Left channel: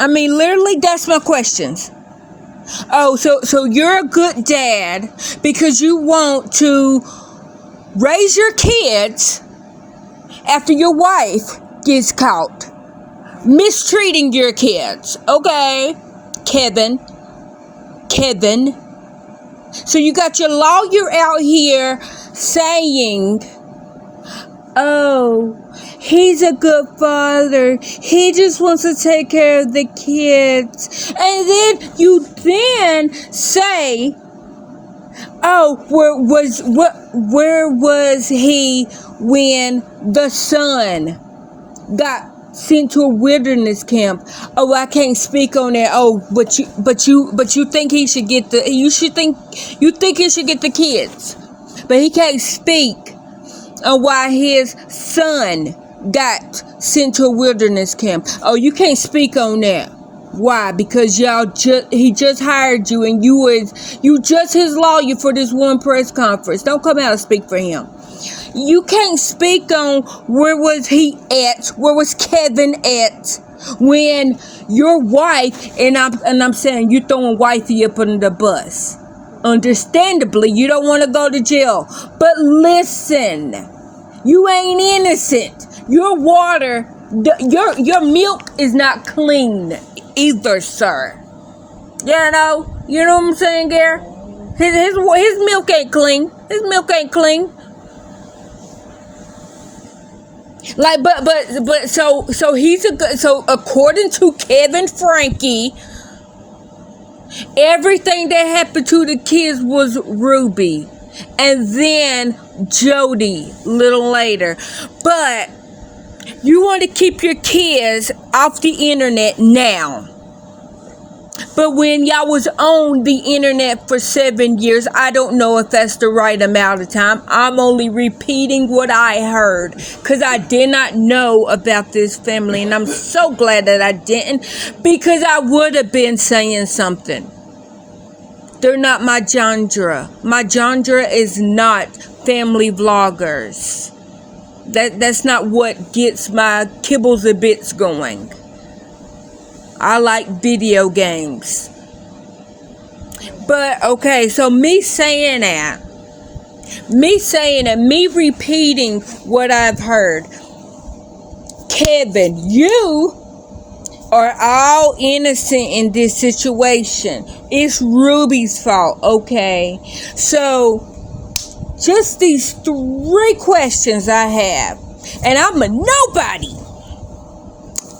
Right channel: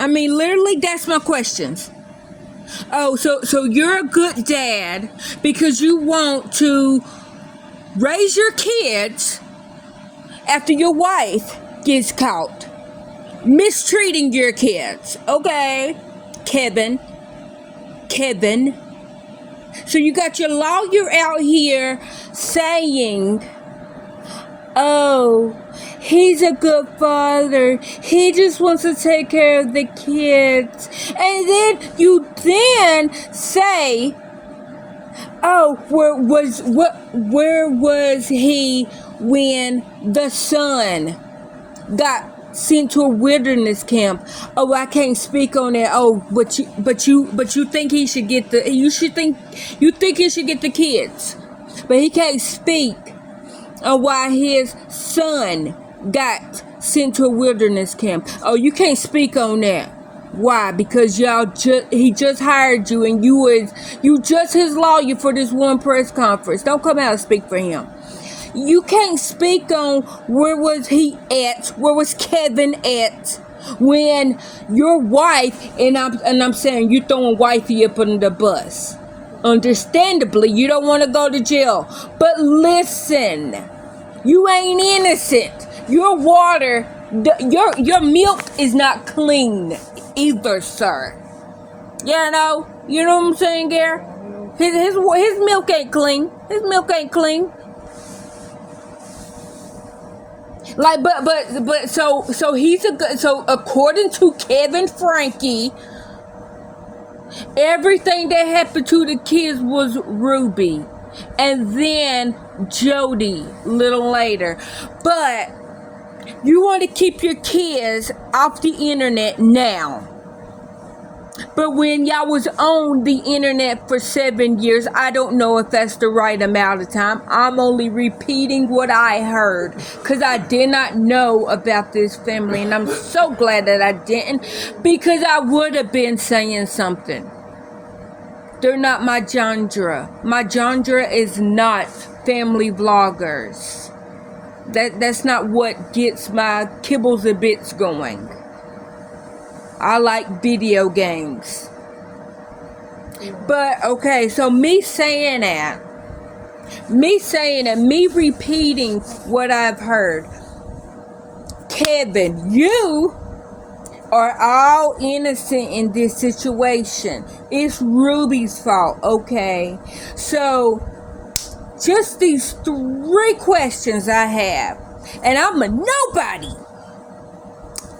I mean, literally, that's my questions. Oh, so you're a good dad because you want to raise your kids after your wife gets caught mistreating your kids. Okay, Kevin. So you got your lawyer out here saying, oh, he's a good father. He just wants to take care of the kids. And then you say, oh, where was he when the son got sent to a wilderness camp? Oh, I can't speak on that. Oh, but you think he should get you think he should get the kids, but he can't speak on why his son got sent to a wilderness camp. Oh, you can't speak on that. Why? Because he just hired you, and you just his lawyer for this one press conference. Don't come out and speak for him. You can't speak on where was he at, where was Kevin at when your wife, and I'm saying you throwing wifey up under the bus. Understandably, you don't want to go to jail. But listen, you ain't innocent. Your water, your milk is not clean either, sir. You know what I'm saying, Gary? His milk ain't clean. His milk ain't clean. Like, but so he's a good. So according to Kevin Frankie, everything that happened to the kids was Ruby, and then Jody little later. But you want to keep your kids off the internet now. But when y'all was on the internet for 7 years, I don't know if that's the right amount of time. I'm only repeating what I heard because I did not know about this family. And I'm so glad that I didn't, because I would have been saying something. They're not my genre. My genre is not family vloggers. That's not what gets my kibbles and bits going. I like video games. But, okay, so me saying that, me repeating what I've heard. Kevin, you are all innocent in this situation. It's Ruby's fault, okay? So, just these 3 questions I have. And I'm a nobody.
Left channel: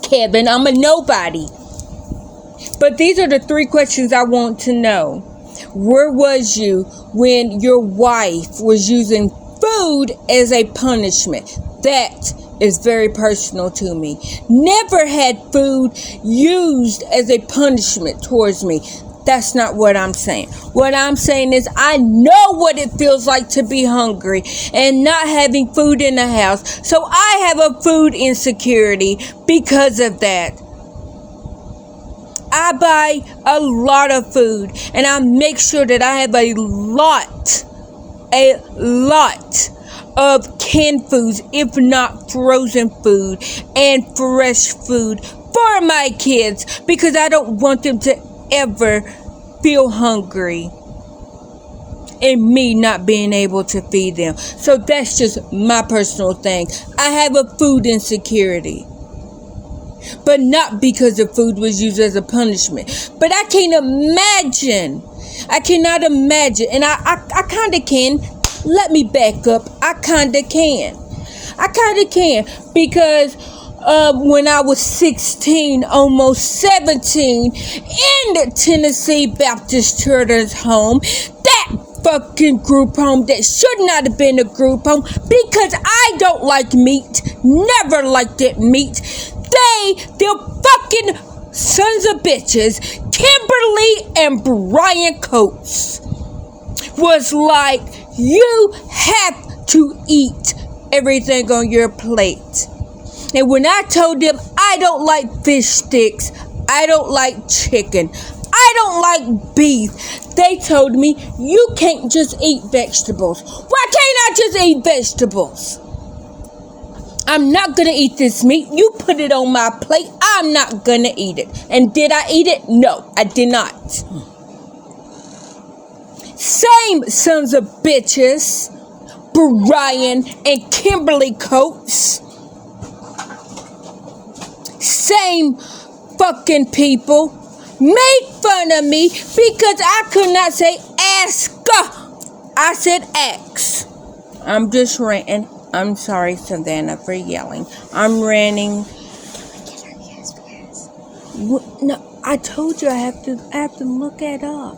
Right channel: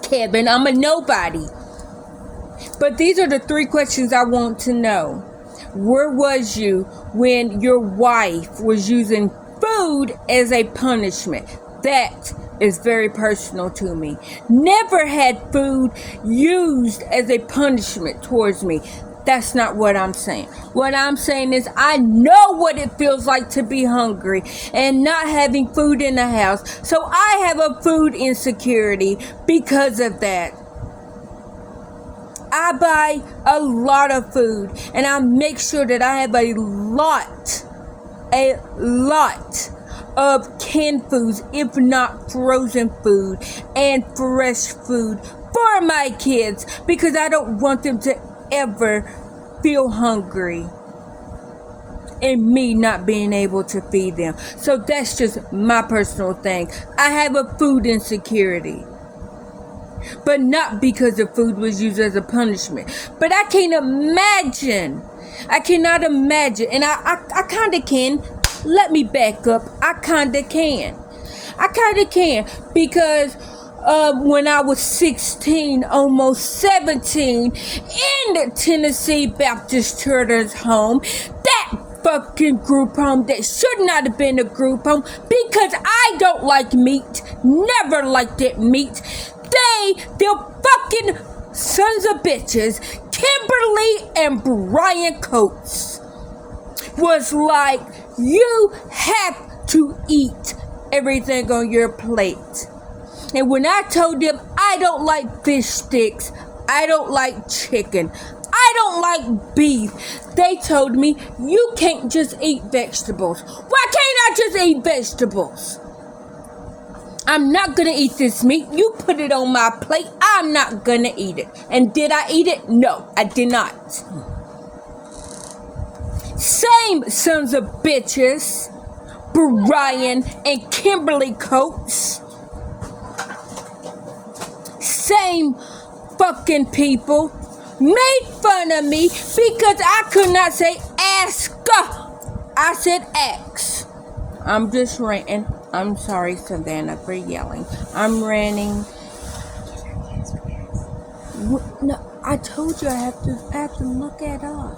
Kevin, I'm a nobody. But these are the 3 questions I want to know. Where was you when your wife was using food as a punishment? That is very personal to me. Never had food used as a punishment towards me. That's not what I'm saying. What I'm saying is I know what it feels like to be hungry and not having food in the house. So I have a food insecurity because of that. I buy a lot of food, and I make sure that I have a lot of canned foods, if not frozen food and fresh food for my kids, because I don't want them to ever feel hungry and me not being able to feed them. So that's just my personal thing. I have a food insecurity. But not because the food was used as a punishment. But I can't imagine. I cannot imagine. And I kind of can. Let me back up. I kind of can. Because when I was 16, almost 17, in the Tennessee Baptist Children's Home, that fucking group home that should not have been a group home, because I don't like meat. Never liked it meat. They're fucking sons of bitches, Kimberly and Brian Coates, was like, you have to eat everything on your plate. And when I told them I don't like fish sticks, I don't like chicken, I don't like beef, they told me, you can't just eat vegetables. Why can't I just eat vegetables? I'm not gonna eat this meat. You put it on my plate. I'm not gonna eat it. And did I eat it? No, I did not. Same sons of bitches, Brian and Kimberly Coates. Same fucking people made fun of me because I could not say ask. I said ask. I'm just ranting. I'm sorry, Savannah, for yelling. I'm ranting. No, I told you I have to look it up.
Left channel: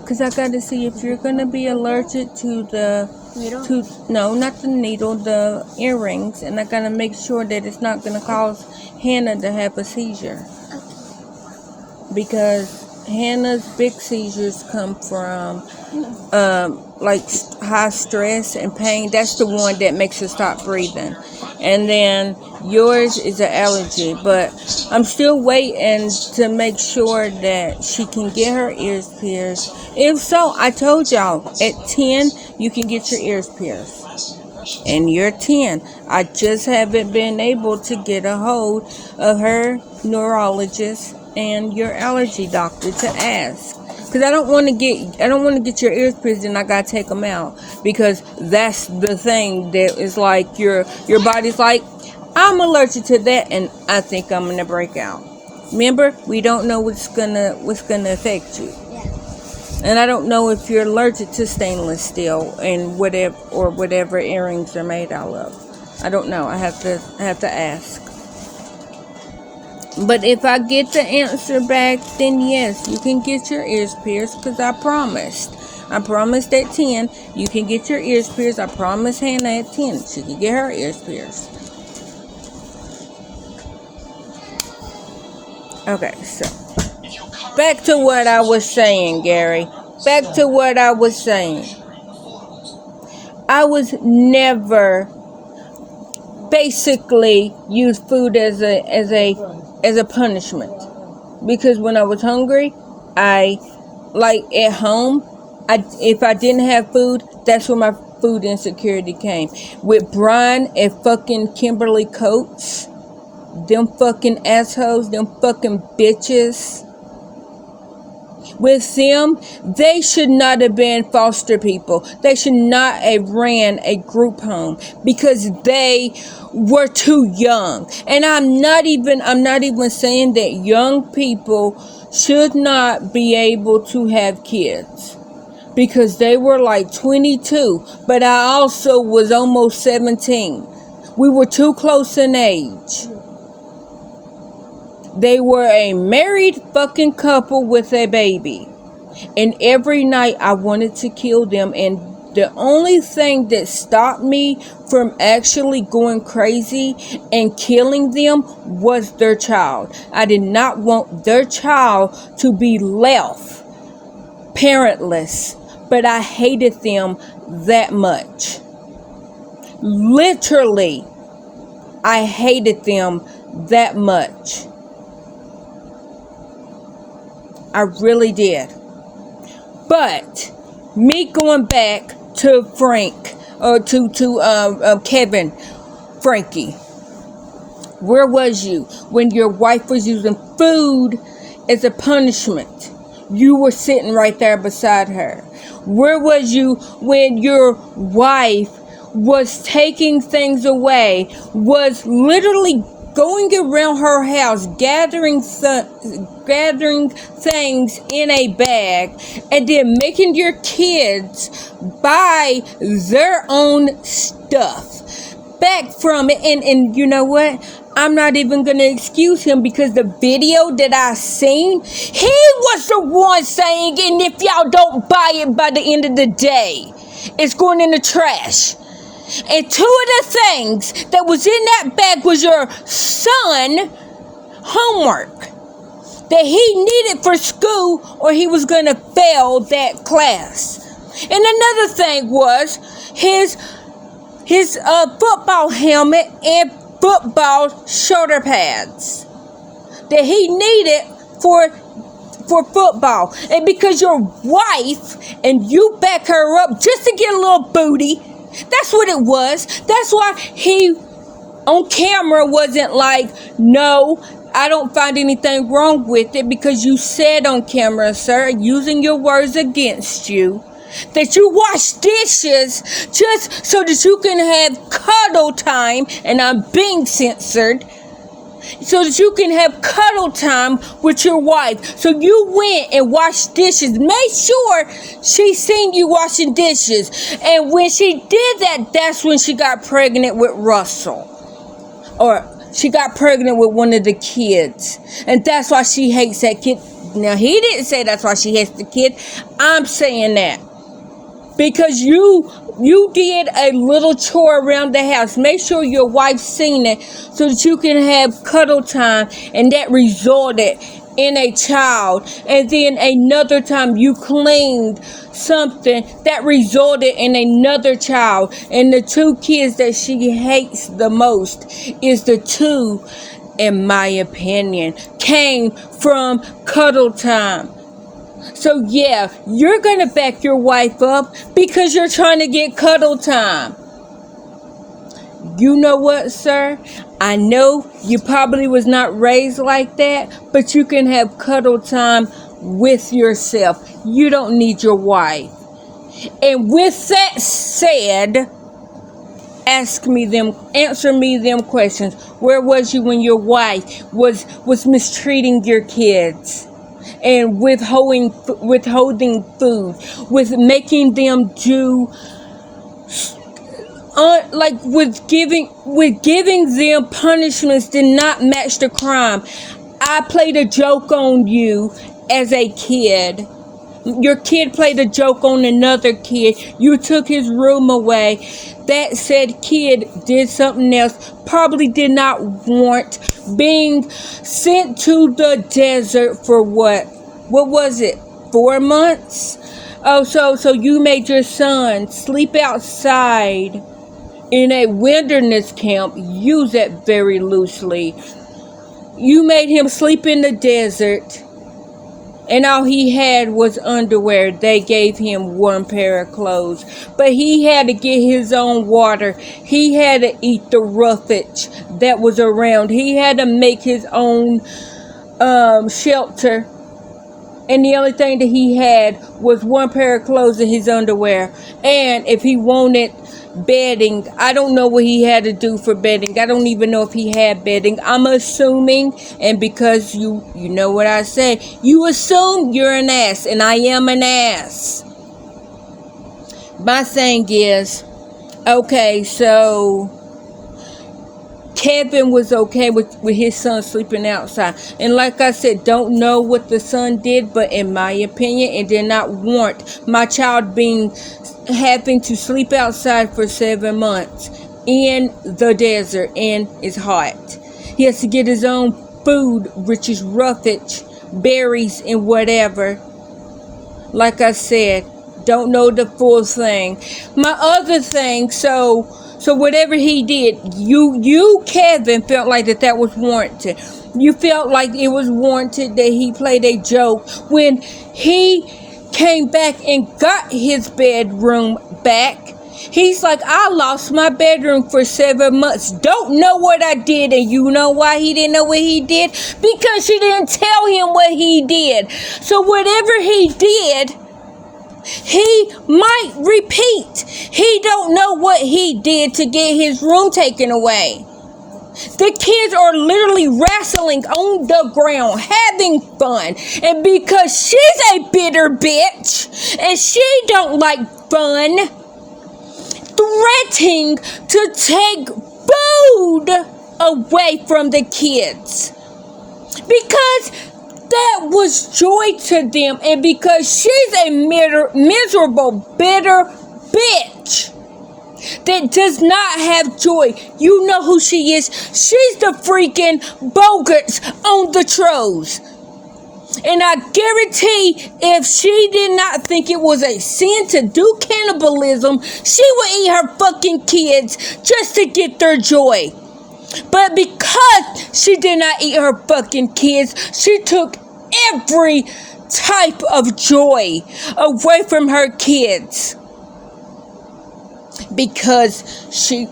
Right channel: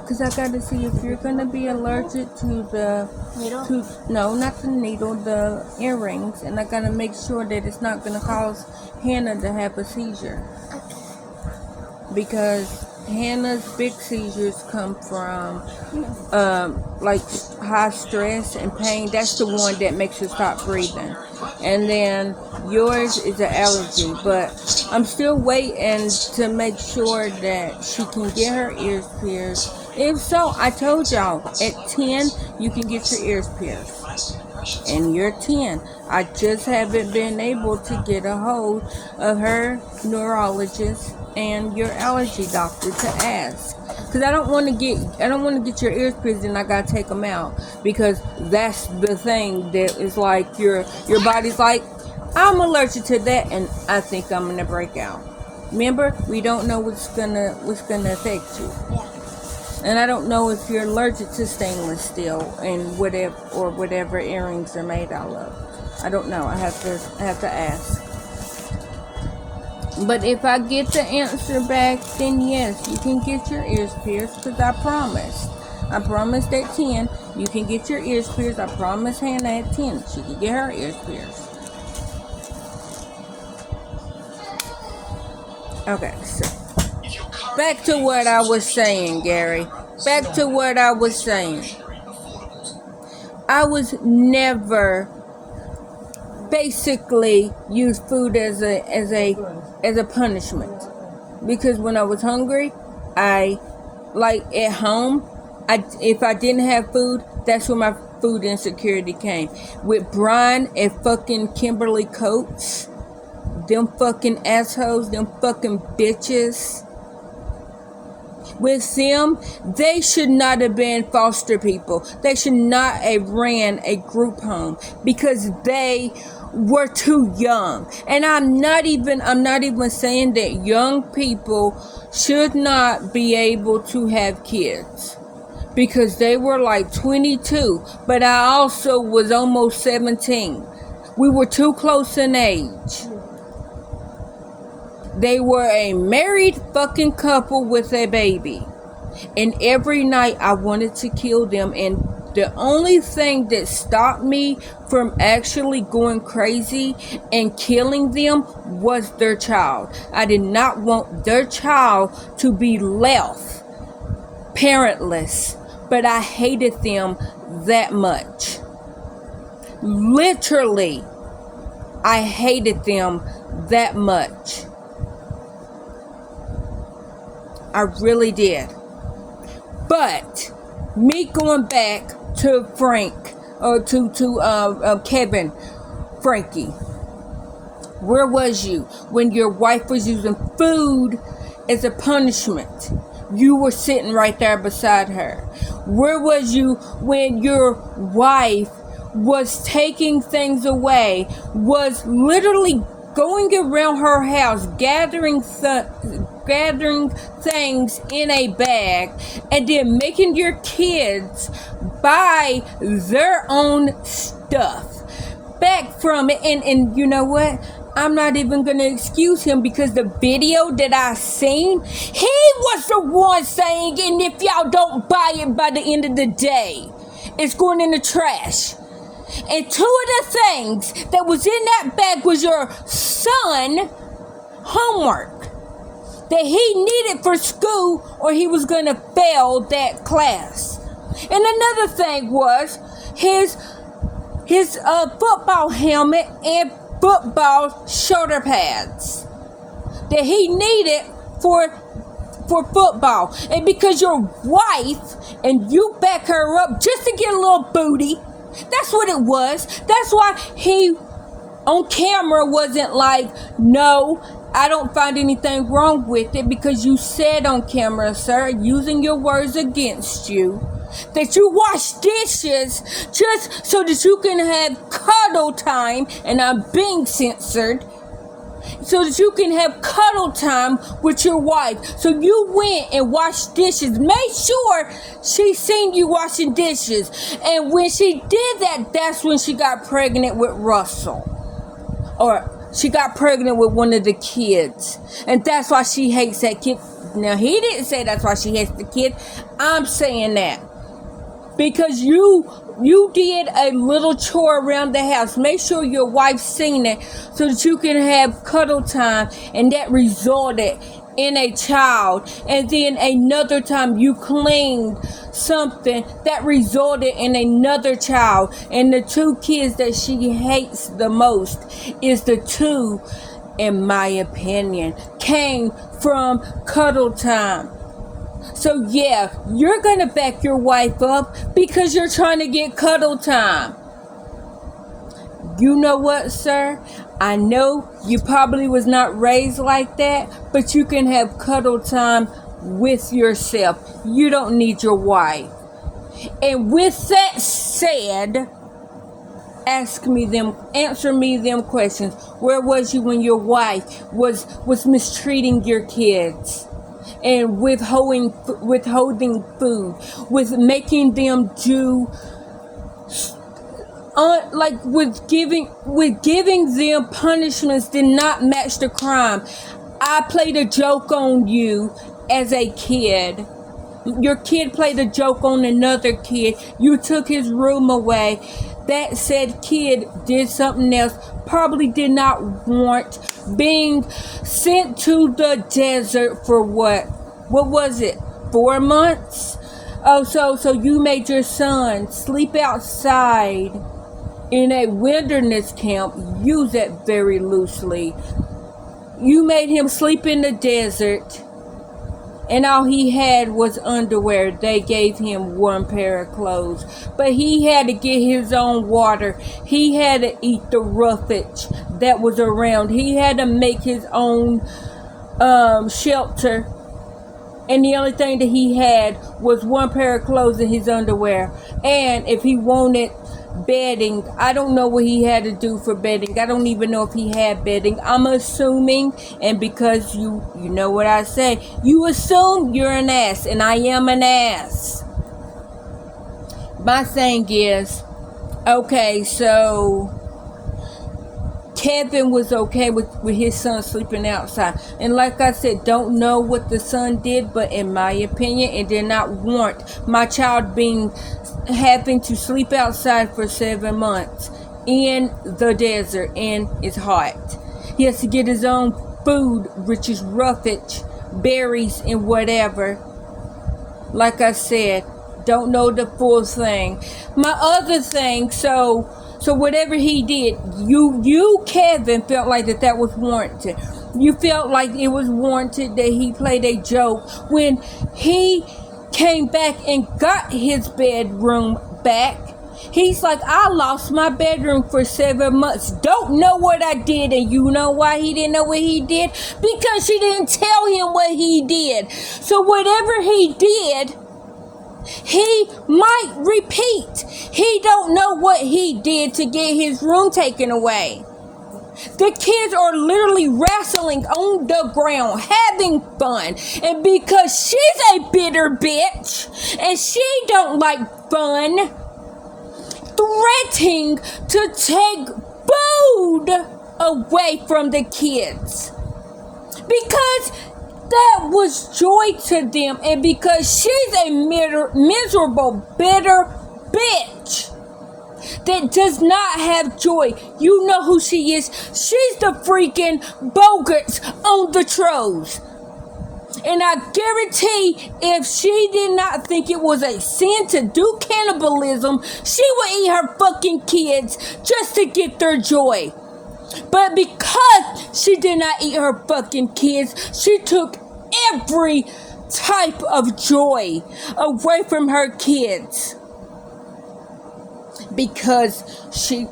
Because I got to see if you're going to be allergic to the needle? No, not the needle, the earrings. And I got to make sure that it's not going to cause Hannah to have a seizure. Okay. Because Hannah's big seizures come from like high stress and pain. That's the one that makes her stop breathing. And then yours is an allergy, but I'm still waiting to make sure that she can get her ears pierced. If so, I told y'all at 10 you can get your ears pierced. And you're 10. I just haven't been able to get a hold of her neurologist and your allergy doctor to ask, because I don't want to get your ears pierced and I gotta take them out, because that's the thing that is like your body's like, I'm allergic to that and I think I'm gonna break out. Remember, we don't know what's gonna affect you. Yeah. And I don't know if you're allergic to stainless steel and whatever earrings are made out of. I don't know. I have to ask. But if I get the answer back, then yes, you can get your ears pierced, because I promised. I promised at 10, you can get your ears pierced. I promised Hannah at 10, she can get her ears pierced. Okay, so back to what I was saying, Gary. Back to what I was saying. I was never basically used food as a punishment, because when I was hungry, I like at home, if I didn't have food, that's where my food insecurity came. With Brian and fucking Kimberly Coates, them fucking assholes, them fucking bitches. With them, they should not have been foster people. They should not have ran a group home, because they were too young. And I'm not even saying that young people should not be able to have kids, because they were like 22, but I also was almost 17. We were too close in age. They were a married fucking couple with a baby. And every night I wanted to kill them. And the only thing that stopped me from actually going crazy and killing them was their child. I did not want their child to be left parentless. But I hated them that much. Literally, I hated them that much. I really did. But me going back to Frank, or to Kevin, Frankie, where was you when your wife was using food as a punishment? You were sitting right there beside her. Where was you when your wife was taking things away, was literally going around her house, gathering things in a bag, and then making your kids buy their own stuff back from it? And you know what? I'm not even gonna excuse him, because the video that I seen, he was the one saying, and if y'all don't buy it by the end of the day, it's going in the trash. And two of the things that was in that bag was your son homework that he needed for school, or he was going to fail that class. And another thing was his football helmet and football shoulder pads that he needed for football. And because your wife and you back her up just to get a little booty, that's what it was. That's why he on camera wasn't like, no, I don't find anything wrong with it, because you said on camera, sir, using your words against you, that you wash dishes just so that you can have cuddle time, and I'm being censored, so that you can have cuddle time with your wife. So you went and washed dishes. Make sure she seen you washing dishes. And when she did that, that's when she got pregnant with Russell. Or she got pregnant with one of the kids. And that's why she hates that kid. Now, he didn't say that's why she hates the kid. I'm saying that. Because you did a little chore around the house. Make sure your wife seen it so that you can have cuddle time, and that resulted in a child. And then another time you cleaned something that resulted in another child. And the two kids that she hates the most is the two, in my opinion, came from cuddle time. So yeah, you're going to back your wife up because you're trying to get cuddle time. You know what, sir? I know you probably was not raised like that, but you can have cuddle time with yourself. You don't need your wife. And with that said, answer me them questions. Where was you when your wife was mistreating your kids? And withholding food, with making them do, with giving them punishments did not match the crime. I played a joke on you as a kid. Your kid played a joke on another kid. You took his room away. That said kid did something else, probably did not want being sent to the desert for what was it, 4 months? Oh, so you made your son sleep outside in a wilderness camp. Use that very loosely. You made him sleep in the desert, and all he had was underwear. They gave him one pair of clothes. But he had to get his own water. He had to eat the roughage that was around. He had to make his own shelter. And the only thing that he had was one pair of clothes and his underwear. And if he wanted bedding, I don't know what he had to do for bedding. I don't even know if he had bedding. I'm assuming, and because you know what I say, you assume you're an ass, and I am an ass. My thing is, okay, so Kevin was okay with his son sleeping outside. And like I said, don't know what the son did, but in my opinion, it did not warrant my child having to sleep outside for 7 months in the desert, and it's hot. He has to get his own food, which is roughage, berries, and whatever. Like I said, don't know the full thing. My other thing, so whatever he did, you Kevin felt like that was warranted. You felt like it was warranted that he played a joke when he came back and got his bedroom back. He's like, I lost my bedroom for 7 months. Don't know what I did. And you know why he didn't know what he did? Because she didn't tell him what he did. So whatever he did, he might repeat. He don't know what he did to get his room taken away. The kids are literally wrestling on the ground, having fun. And because she's a bitter bitch, and she don't like fun, threatening to take food away from the kids. Because that was joy to them, and because she's a miserable, bitter bitch that does not have joy. You know who she is. She's the freaking Bogarts on the Trolls. And I guarantee if she did not think it was a sin to do cannibalism, she would eat her fucking kids just to get their joy. But because she did not eat her fucking kids, she took every type of joy away from her kids. Because she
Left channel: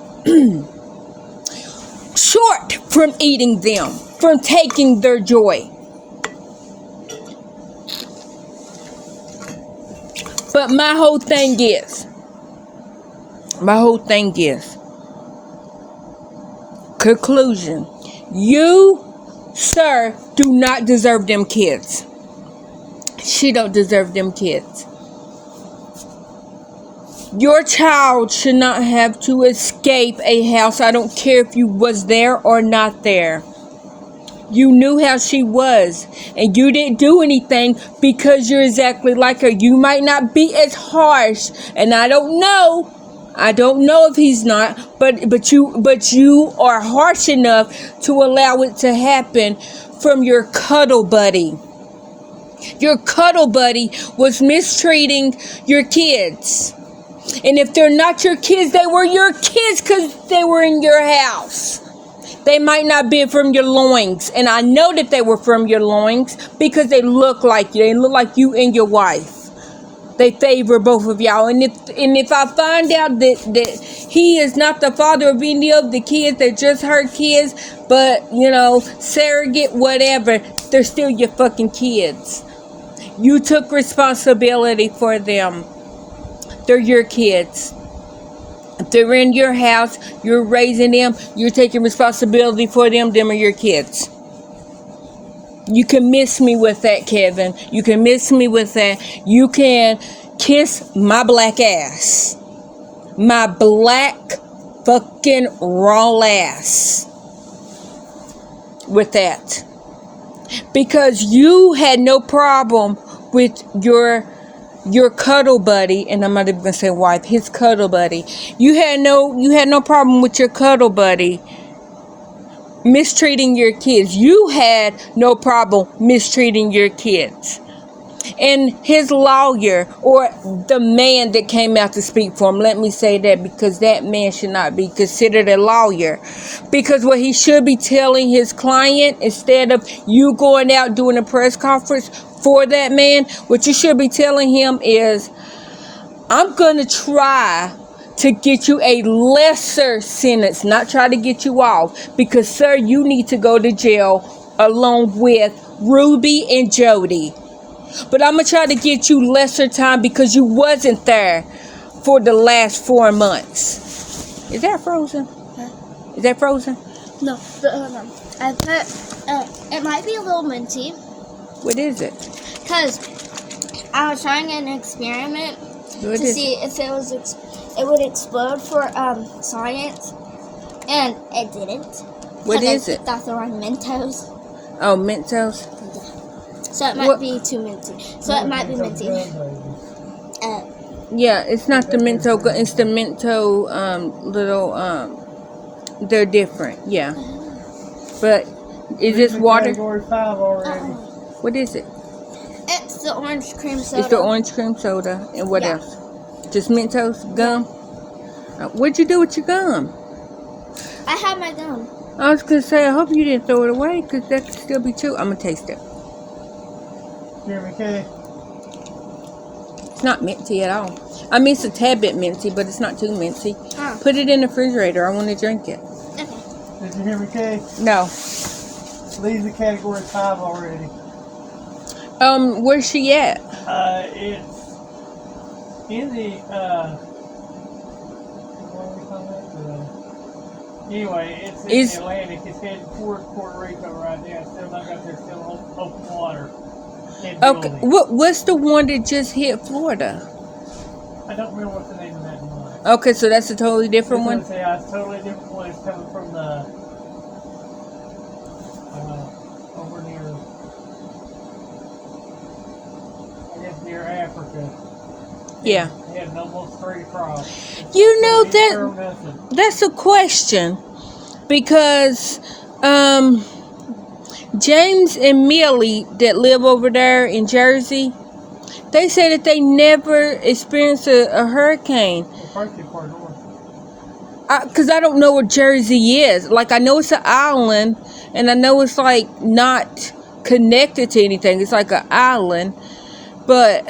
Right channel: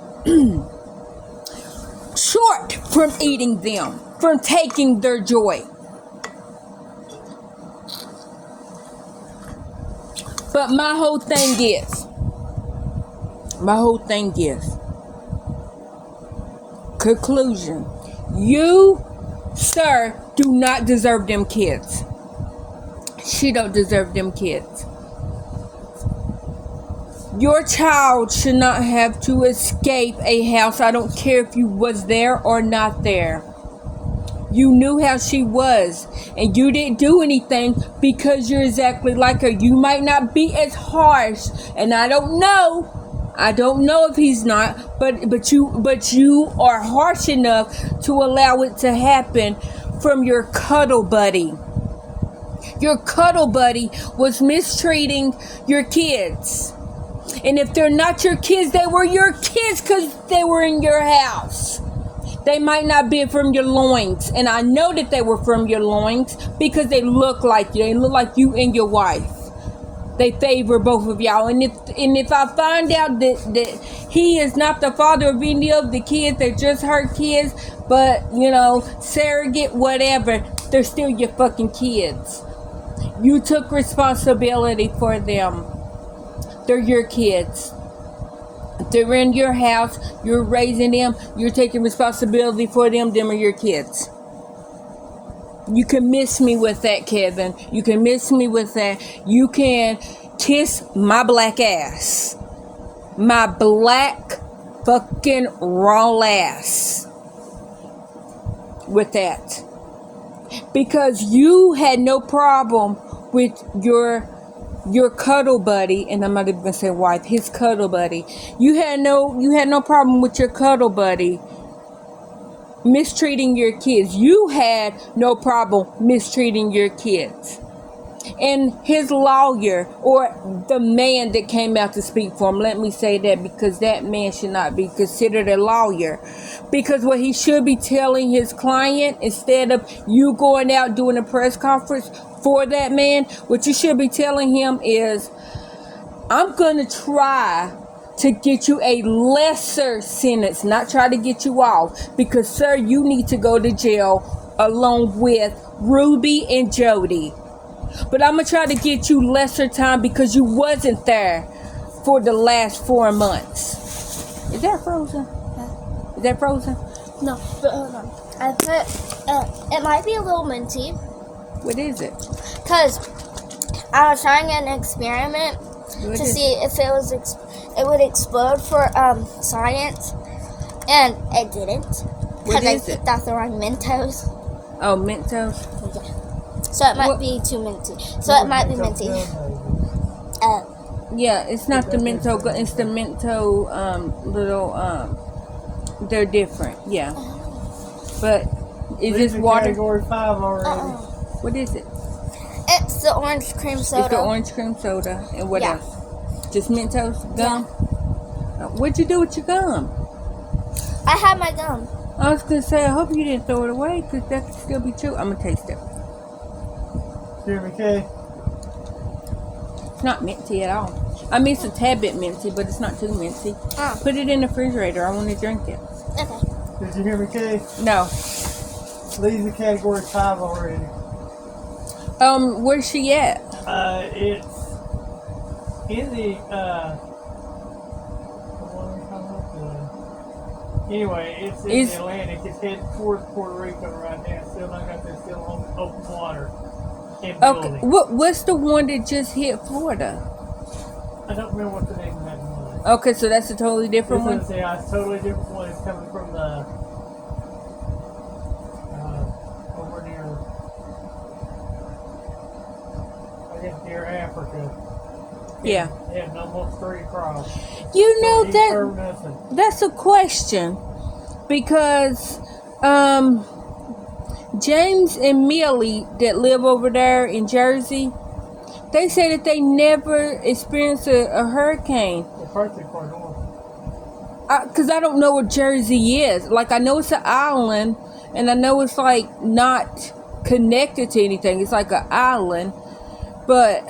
short from eating them, from taking their joy. But my whole thing is, conclusion. You, sir, do not deserve them kids. She don't deserve them kids. Your child should not have to escape a house. I don't care if you was there or not there. You knew how she was, and you didn't do anything because you're exactly like her. You might not be as harsh, and I don't know if he's not, but you are harsh enough to allow it to happen from your cuddle buddy. Your cuddle buddy was mistreating your kids. And if they're not your kids, they were your kids because they were in your house. They might not be from your loins. And I know that they were from your loins because they look like you. They look like you and your wife. They favor both of y'all. And if I find out that he is not the father of any of the kids, they're just her kids, but, surrogate, whatever, they're still your fucking kids. You took responsibility for them. They're your kids. If they're in your house, you're raising them, you're taking responsibility for them, them are your kids. You can miss me with that, Kevin. You can miss me with that. You can kiss my black ass. My black fucking raw ass. With that. Because you had no problem with your cuddle buddy, and I'm not even gonna say wife, his cuddle buddy. You had no problem with your cuddle buddy mistreating your kids. You had no problem mistreating your kids. And his lawyer, or the man that came out to speak for him, let me say that, because that man should not be considered a lawyer. Because what he should be telling his client, instead of you going out doing a press conference for that man, what you should be telling him is, I'm going to try to get you a lesser sentence, not try to get you off, because, sir, you need to go to jail along with Ruby and Jody. But I'm going to try to get you lesser time because you wasn't there for the last 4 months. Is that frozen? Huh? Is that frozen? No, but hold on. I put, it might be a little minty. What is it? Because I was trying an experiment to see if it would explode for science, and it didn't. What is I picked out the wrong Mentos. Oh, Mentos? Yeah. So it might be too minty. So it might be minty. Yeah, it's not the Mento, it's the Mento little, they're different, yeah. But is this water? Category 5 already. What is it? It's the orange cream soda. It's the orange cream soda. And what else? Just Mentos gum? Yeah. What'd you do with your gum? I have my gum. I was going to say, I hope you didn't throw it away, because that could still be chewed. I'm going to taste it. Jeremy K. It's not minty at all. I mean, it's a tad bit minty, but it's not too minty. Oh. Put it in the refrigerator. I want to drink it. Okay. Did you hear me, Kay? No. Lee's a category 5 already. Where's she at? It's in the, anyway, it's in the Atlantic. It's heading towards Puerto Rico right now. Still not got there, still open water. Okay, what's the one that just hit Florida? I don't remember what the name of that one was. Okay, so that's a totally different one? It's a totally different one. It's coming from the, over near, I guess near Africa. Yeah. They had almost 3 across. You know, that's a question, because James and Millie that live over there in Jersey, they say that they never experienced a hurricane. Because I don't know what Jersey is. Like, I know it's an island, and I know it's like not connected to anything. It's like an island, but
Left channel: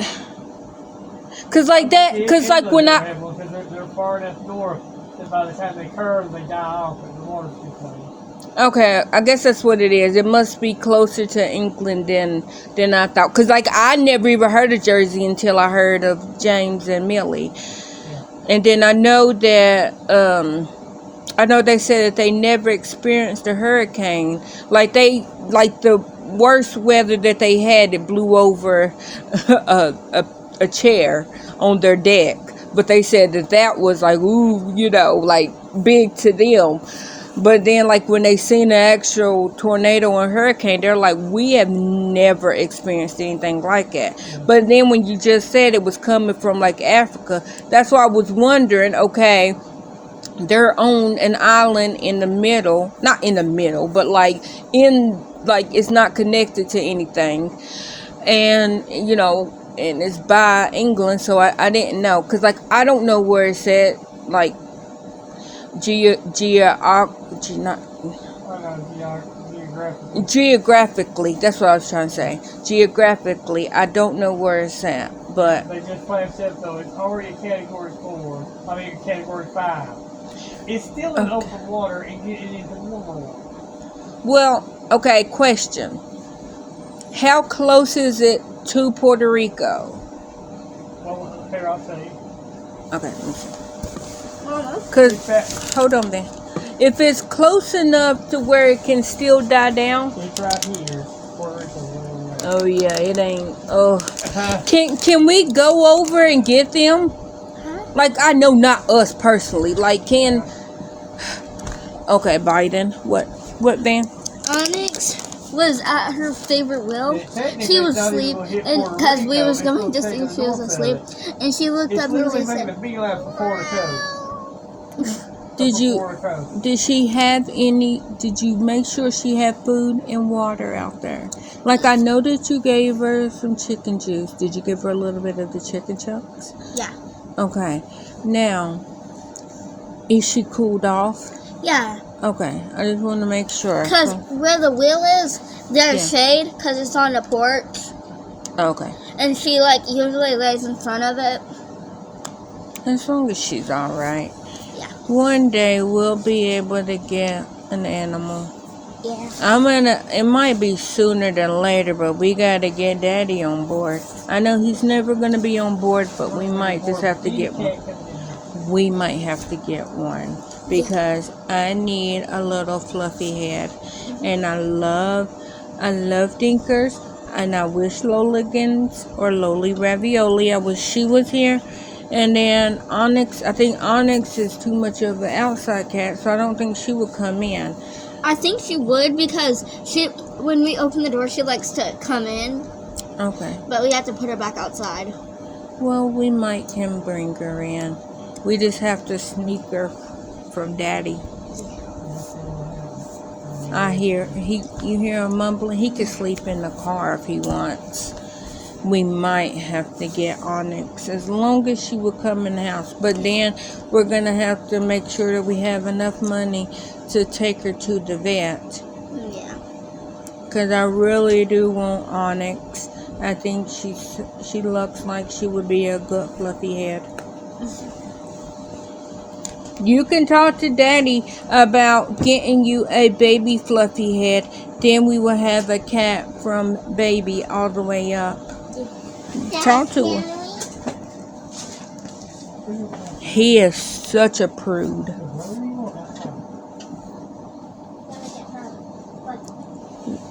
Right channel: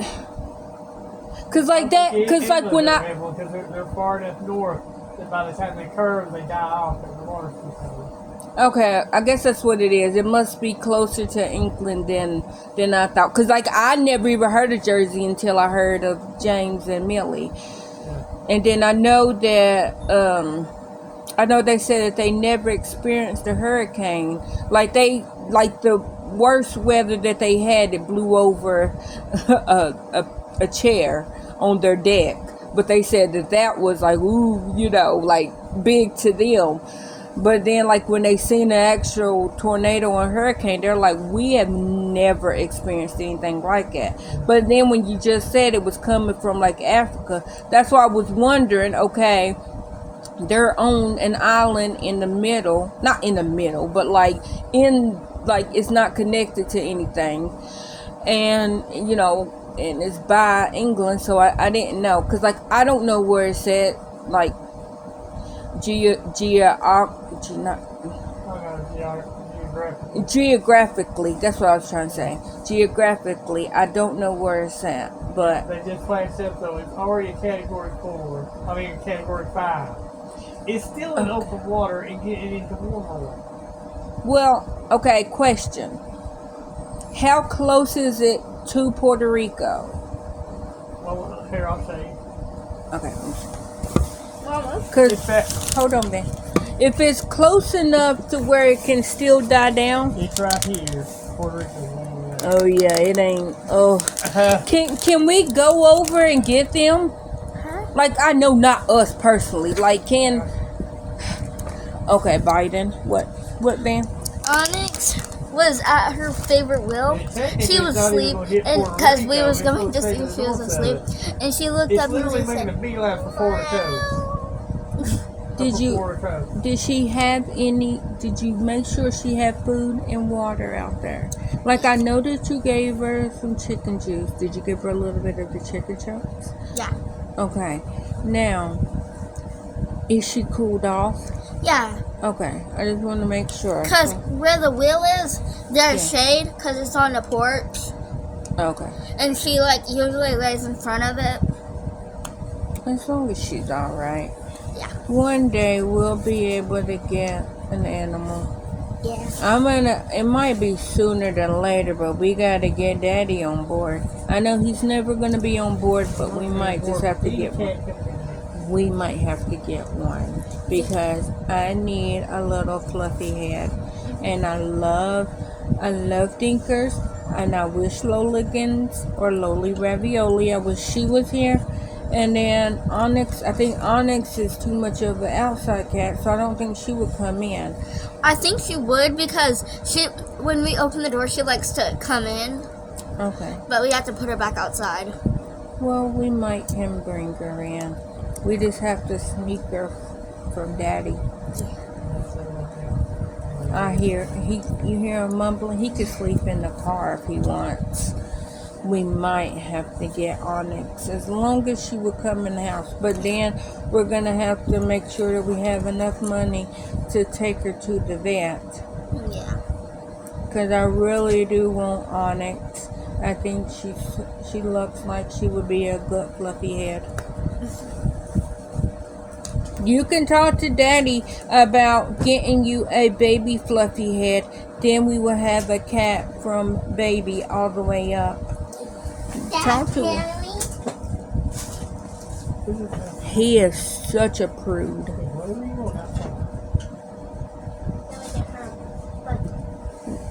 because like that, because like when because they're far enough north that by the time they curve, they die off and the water's too cold. Okay, I guess that's what it is. It must be closer to England than I thought. Cause like I never even heard of Jersey until I heard of James and Millie, and then I know that I know they said that they never experienced a hurricane. Like the worst weather that they had, it blew over a chair on their deck. But they said that was like, ooh, you know, like big to them. But then, like, when they seen an actual tornado and hurricane, they're like, we have never experienced anything like that. But then when you just said it was coming from, like, Africa, that's why I was wondering, okay, they're on an island in the middle, not in the middle, but, like, it's not connected to anything. And, you know, and it's by England, so I didn't know. Because, like, I don't know where it's at, like, geographically, that's what I was trying to say. Geographically, I don't know where it's at, but they just flashed up though. It's already a category 4. I mean, a category 5. It's still in open water and getting into warmer water. Well, okay. Question: how close is it to Puerto Rico? Well, here I'll say. Okay. Cause hold on then. If it's close enough to where it can still die down. It's right here. Puerto Rico. Oh yeah, it ain't. Oh, can we go over and get them? Like I know not us personally. Like can. Okay, Biden. What then? Onyx was at her favorite wheel. She was asleep, and because we was going to see if she was asleep, and she looked up and she said. Did she have any, did you make sure she had food and water out there? Like I know that you gave her some chicken juice. Did you give her a little bit of the chicken chunks? Yeah. Okay. Now, is she cooled off? Yeah. Okay. I just want to make sure. Because where the wheel is, there's shade because it's on the porch. Okay. And she like usually lays in front of it. As long as she's all right. Yeah. One day we'll be able to get an animal. Yeah. It might be sooner than later, but we gotta get Daddy on board. I know he's never gonna be on board, but we might just have to get one. We might have to get one because I need a little fluffy head, and I love Dinkers, and I wish Loligans or Loli Ravioli. I wish she was here. And then Onyx, I think Onyx is too much of an outside cat, so I don't think she would come in. I think she would because when we open the door, she likes to come in. Okay. But we have to put her back outside. Well, we might can bring her in. We just have to sneak her from Daddy. You hear him mumbling? He could sleep in the car if he wants. We might have to get Onyx as long as she will come in the house. But then we're going to have to make sure that we have enough money to take her to the vet. Yeah. Because I really do want Onyx. I think she looks like she would be a good fluffy head. You can talk to Daddy about getting you a baby fluffy head. Then we will have a cat from baby all the way up. Talk to him. He is such a prude.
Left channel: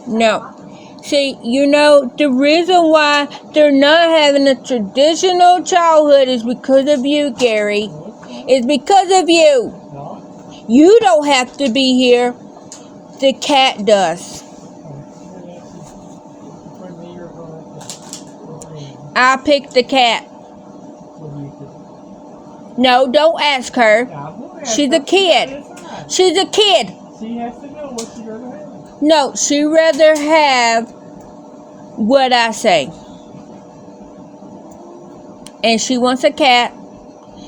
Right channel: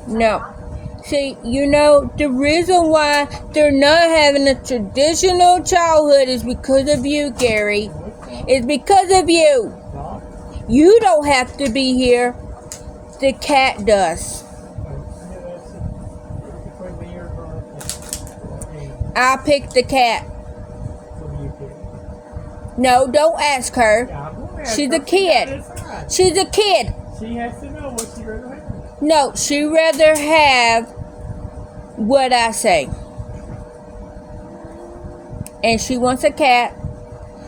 No. See, you know, the reason why they're not having a traditional childhood is because of you, Gary. It's because of you. You don't have to be here. The cat does. I picked the cat. No, don't ask her. She's a kid. She's a kid. She has to know what she'd rather have. No, she'd rather have what I say. And she wants a cat,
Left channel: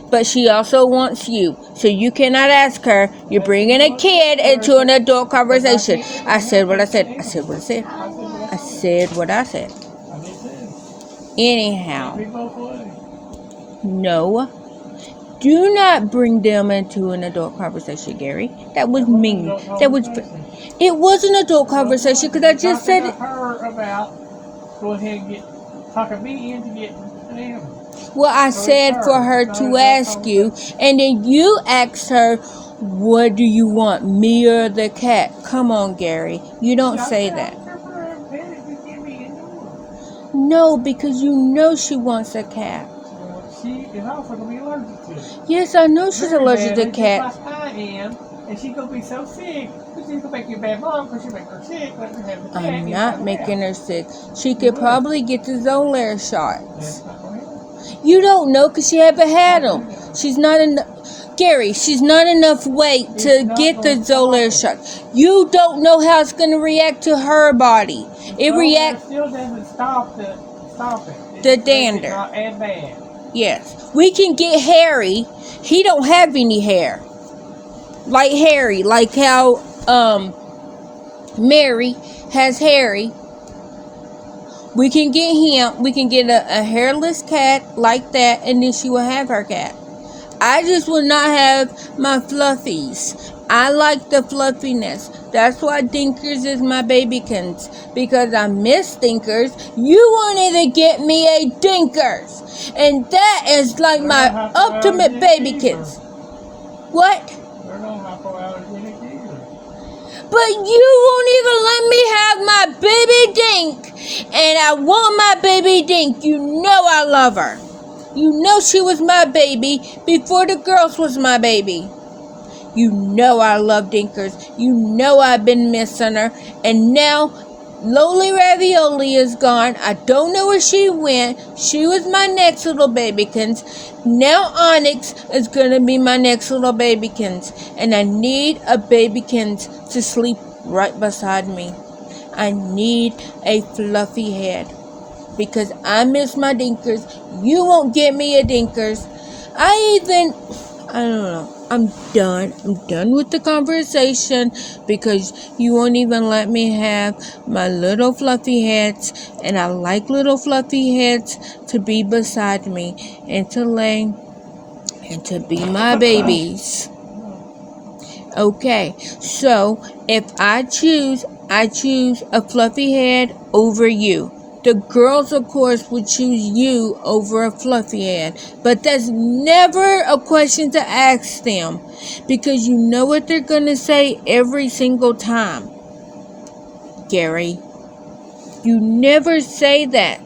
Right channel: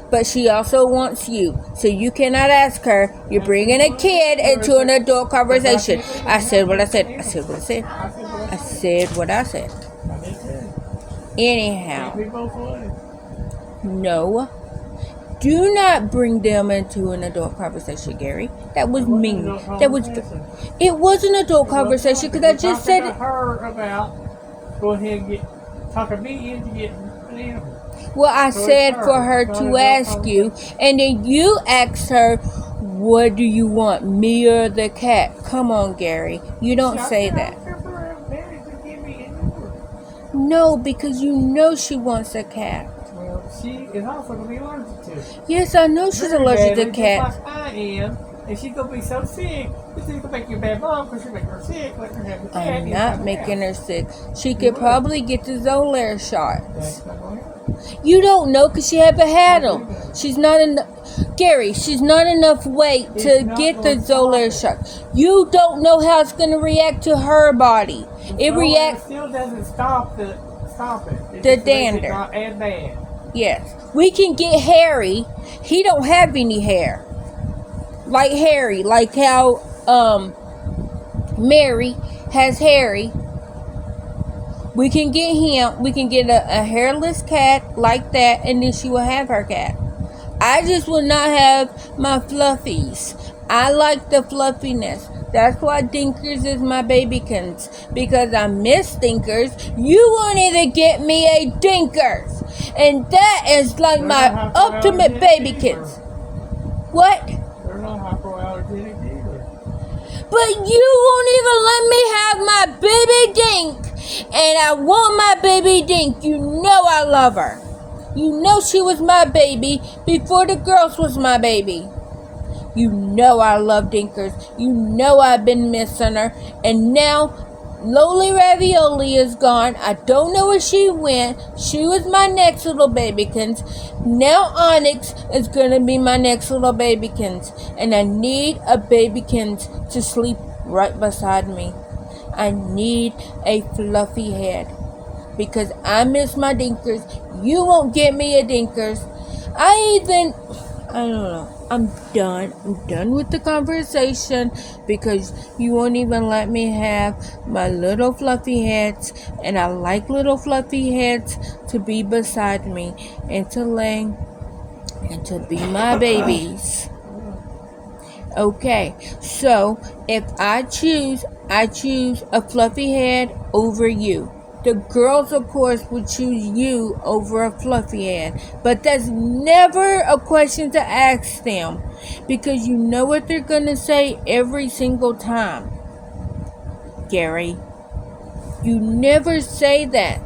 but she also wants you. So you cannot ask her. You're bringing a kid into an adult conversation. I said what I said. I said what I said. I said what I said. Anyhow. No. do not bring them into an adult conversation, Gary. That was mean. That was. It was an adult conversation because I just said to her about going ahead and talking me into getting an animal. Well, I said for her to ask you, and then you asked her, what do you want, me or the cat? Come on, Gary. You don't say that. No, because you know she wants a cat. Well, she is also going to be allergic to it. Yes, I know she's allergic to cats. Just like I am, and she's going to be so sick. She's going to make you a bad mom because she'll make her sick. Let her have the cat. I'm not making her sick. She could probably get the Zolair shots. You don't know because she haven't had them. She's not enough. Gary, she's not enough weight to get the Zolair shot. You don't know how it's going to react to her body. It reacts. Still doesn't stop it. The dander. Not as bad. Yes, we can get Harry. He don't have any hair. Like Harry, like how Mary has Harry. We can get him. We can get a hairless cat like that, and then she will have her cat. I just will not have my fluffies. I like the fluffiness. That's why Dinkers is my babykins. Because I miss Dinkers. You wanted to get me a Dinkers. And that is like my ultimate babykins. What? They're not hypoallergenic either. But you won't even let me have my baby Dink. And I want my baby Dink. You know I love her. You know she was my baby before the girls was my baby. You know I love Dinkers. You know I've been missing her. And now Loli Ravioli is gone. I don't know where she went. She was my next little babykins. Now Onyx is going to be my next little babykins. And I need a babykins to sleep right beside me. I need a fluffy head. Because I miss my Dinkers. You won't get me a Dinkers. I don't know. I'm done. I'm done with the conversation because you won't even let me have my little fluffy heads. And I like little fluffy heads to be beside me and to lay and to be my babies. Okay, so if I choose a fluffy head over you. The girls, of course, would choose you over a fluffy head. But that's never a question to ask them. Because you know what they're going to say every single time. Gary, you never say that.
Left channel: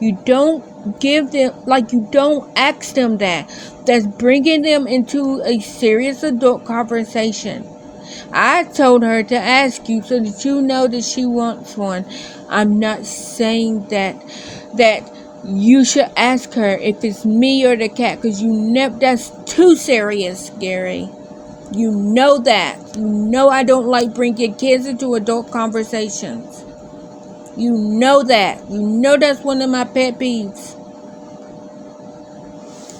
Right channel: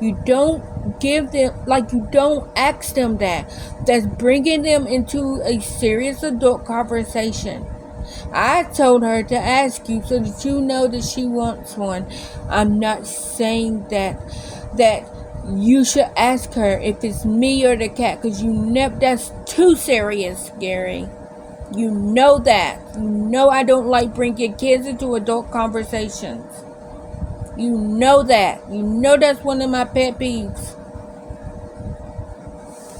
You don't give them, you don't ask them that. That's bringing them into a serious adult conversation. I told her to ask you so that you know that she wants one. I'm not saying that you should ask her if it's me or the cat, because that's too serious, Gary. You know that. You know I don't like bringing kids into adult conversations. You know that. You know that's one of my pet peeves.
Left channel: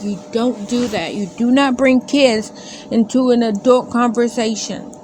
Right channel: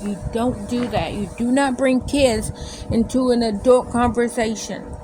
You don't do that. You do not bring kids into an adult conversation.